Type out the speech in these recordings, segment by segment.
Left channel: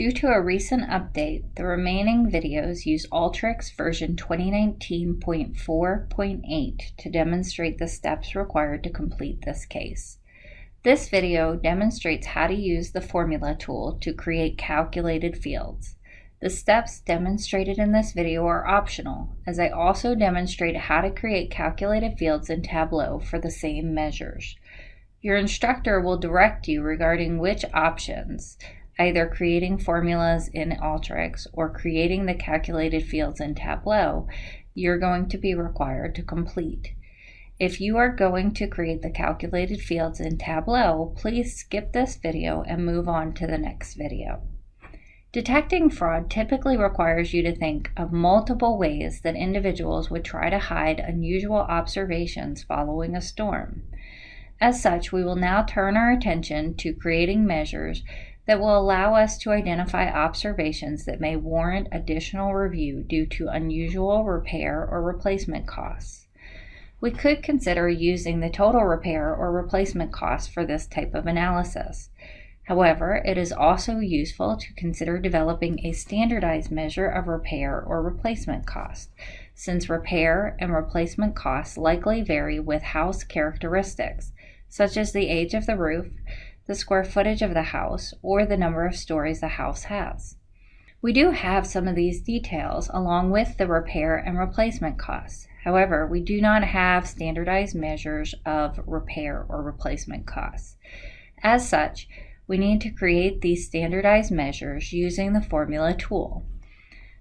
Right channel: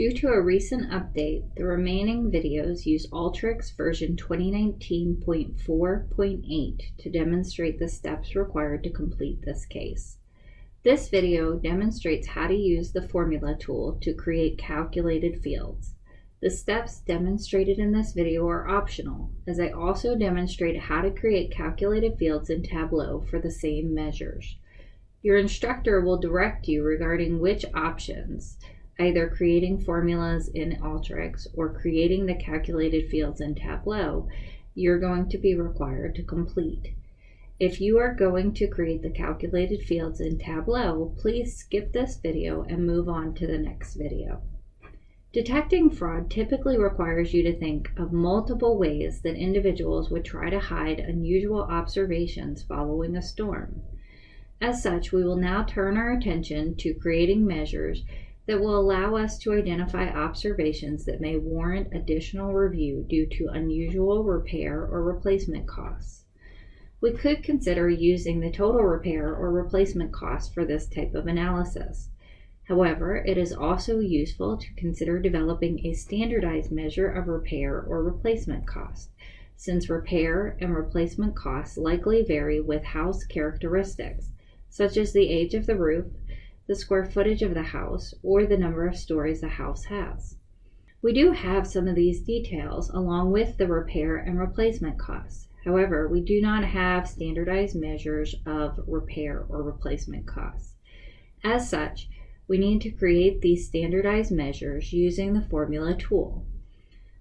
Due to a recent update, the remaining videos use Alteryx version 2019.4.8 to demonstrate the steps required to complete this case. This video demonstrates how to use the formula tool to create calculated fields. The steps demonstrated in this video are optional, as I also demonstrate how to create calculated fields in Tableau for the same measures. Your instructor will direct you regarding which options, either creating formulas in Alteryx or creating the calculated fields in Tableau, you're going to be required to complete. If you are going to create the calculated fields in Tableau, please skip this video and move on to the next video. Detecting fraud typically requires you to think of multiple ways that individuals would try to hide unusual observations following a storm. As such, we will now turn our attention to creating measures that will allow us to identify observations that may warrant additional review due to unusual repair or replacement costs. We could consider using the total repair or replacement cost for this type of analysis. However, it is also useful to consider developing a standardized measure of repair or replacement cost, since repair and replacement costs likely vary with house characteristics, such as the age of the roof, the square footage of the house, or the number of stories the house has. We do have some of these details along with the repair and replacement costs. However, we do not have standardized measures of repair or replacement costs. As such, we need to create these standardized measures using the formula tool.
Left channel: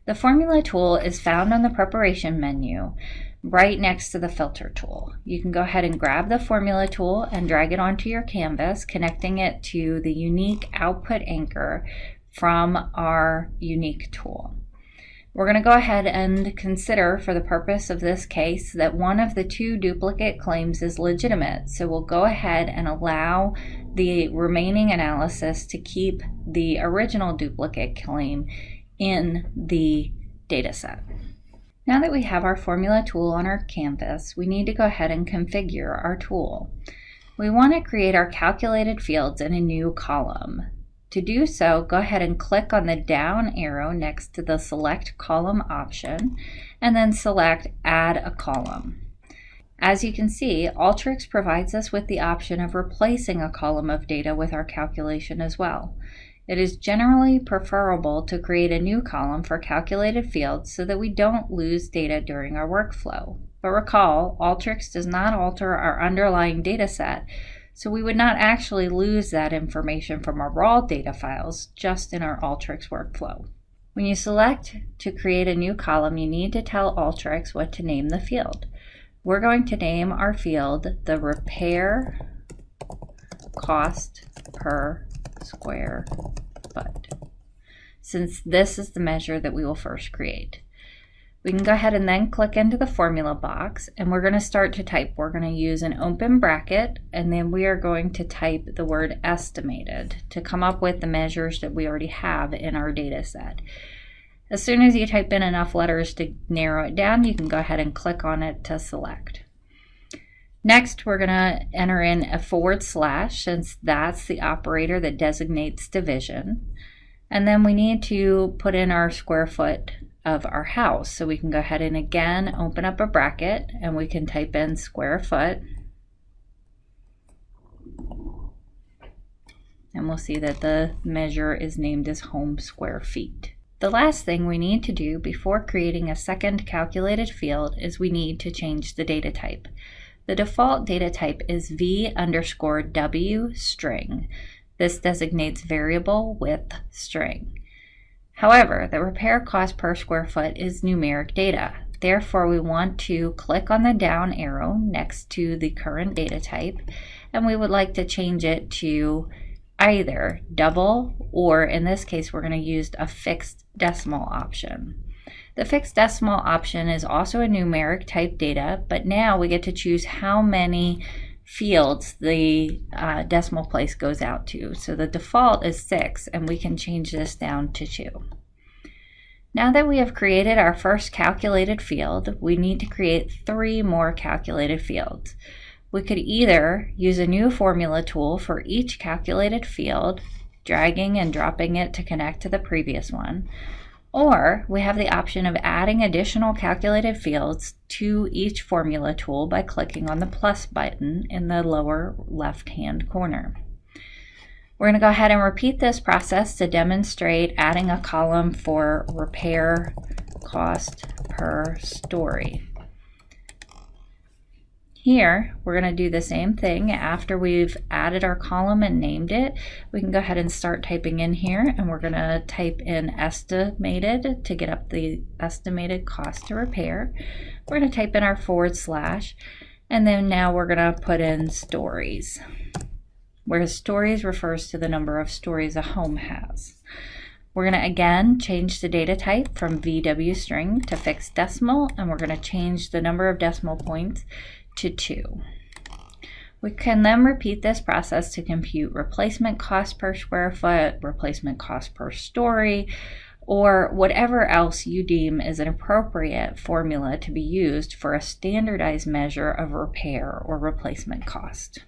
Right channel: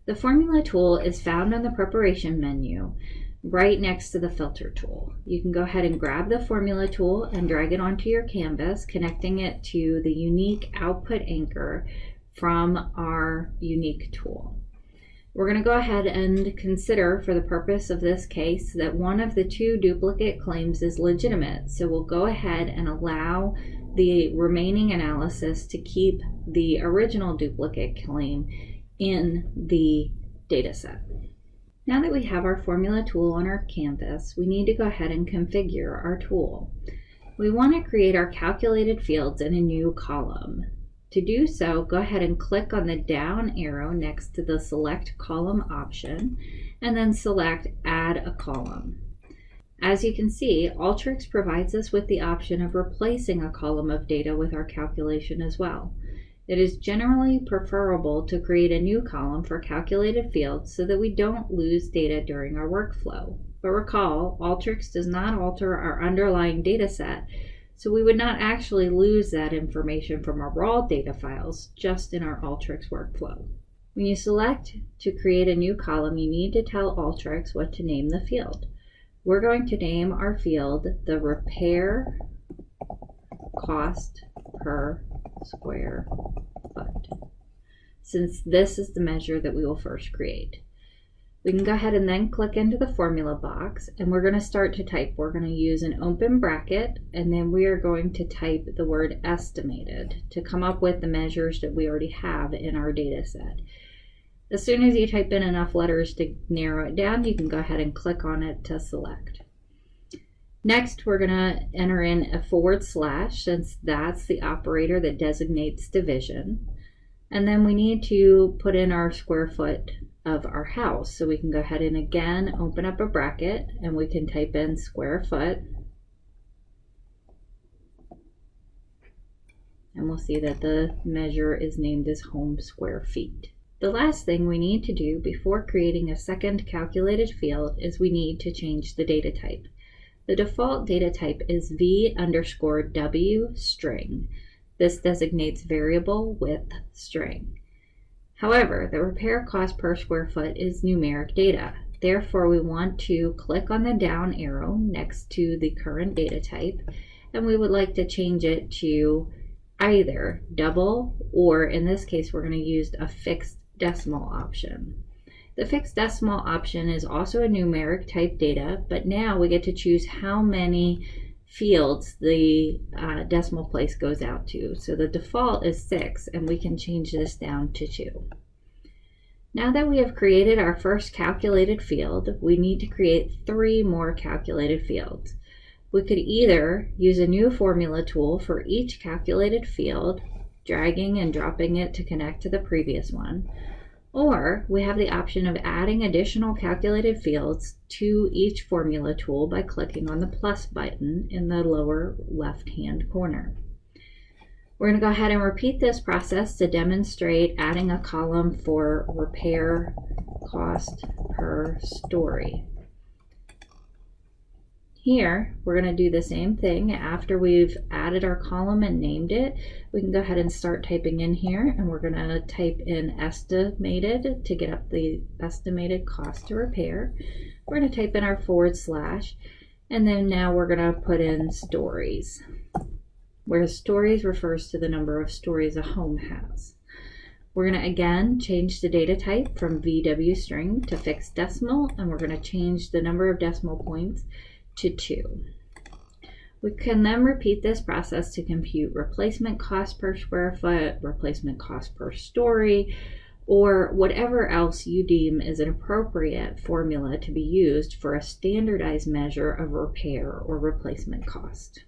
The formula tool is found on the preparation menu right next to the filter tool. You can go ahead and grab the formula tool and drag it onto your canvas, connecting it to the unique output anchor from our unique tool. We're going to go ahead and consider, for the purpose of this case, that one of the two duplicate claims is legitimate. So we'll go ahead and allow the remaining analysis to keep the original duplicate claim in the data set. Now that we have our formula tool on our canvas, we need to go ahead and configure our tool. We want to create our calculated fields in a new column. To do so, go ahead and click on the down arrow next to the Select Column option, and then select Add a Column. As you can see, Alteryx provides us with the option of replacing a column of data with our calculation as well. It is generally preferable to create a new column for calculated fields so that we don't lose data during our workflow. But recall, Alteryx does not alter our underlying data set, so we would not actually lose that information from our raw data files, just in our Alteryx workflow. When you select to create a new column, you need to tell Alteryx what to name the field. We're going to name our field the repair cost per square foot, since this is the measure that we will first create. We can go ahead and then click into the formula box, and we're going to start to type. We're going to use an open bracket, and then we are going to type the word estimated to come up with the measures that we already have in our data set. As soon as you type in enough letters to narrow it down, you can go ahead and click on it to select. Next, we're going to enter in a / since that's the operator that designates division. And then we need to put in our square foot of our house. So we can go ahead and again open up a bracket, and we can type in square foot. And we'll see that the measure is named as home square feet. The last thing we need to do before creating a second calculated field is we need to change the data type. The default data type is v_w string. This designates variable with string. However, the repair cost per square foot is numeric data. Therefore, we want to click on the down arrow next to the current data type, and we would like to change it to either double, or in this case, we're going to use a fixed decimal option. The fixed decimal option is also a numeric type data, but now we get to choose how many fields the decimal place goes out to. So the default is 6, and we can change this down to 2. Now that we have created our first calculated field, we need to create 3 more calculated fields. We could either use a new formula tool for each calculated field dragging and dropping it to connect to the previous one. Or we have the option of adding additional calculated fields to each formula tool by clicking on the plus button in the lower left-hand corner. We're going to go ahead and repeat this process to demonstrate adding a column for repair cost per story. Here, we're going to do the same thing. After we've added our column and named it, we can go ahead and start typing in here, and we're going to type in estimated to get up the estimated cost to repair. We're going to type in our /, and then now we're going to put in stories, where stories refers to the number of stories a home has. We're going to again change the data type from VW string to fixed decimal, and we're going to change the number of decimal points to 2. We can then repeat this process to compute replacement cost per square foot, replacement cost per story, or whatever else you deem is an appropriate formula to be used for a standardized measure of repair or replacement cost.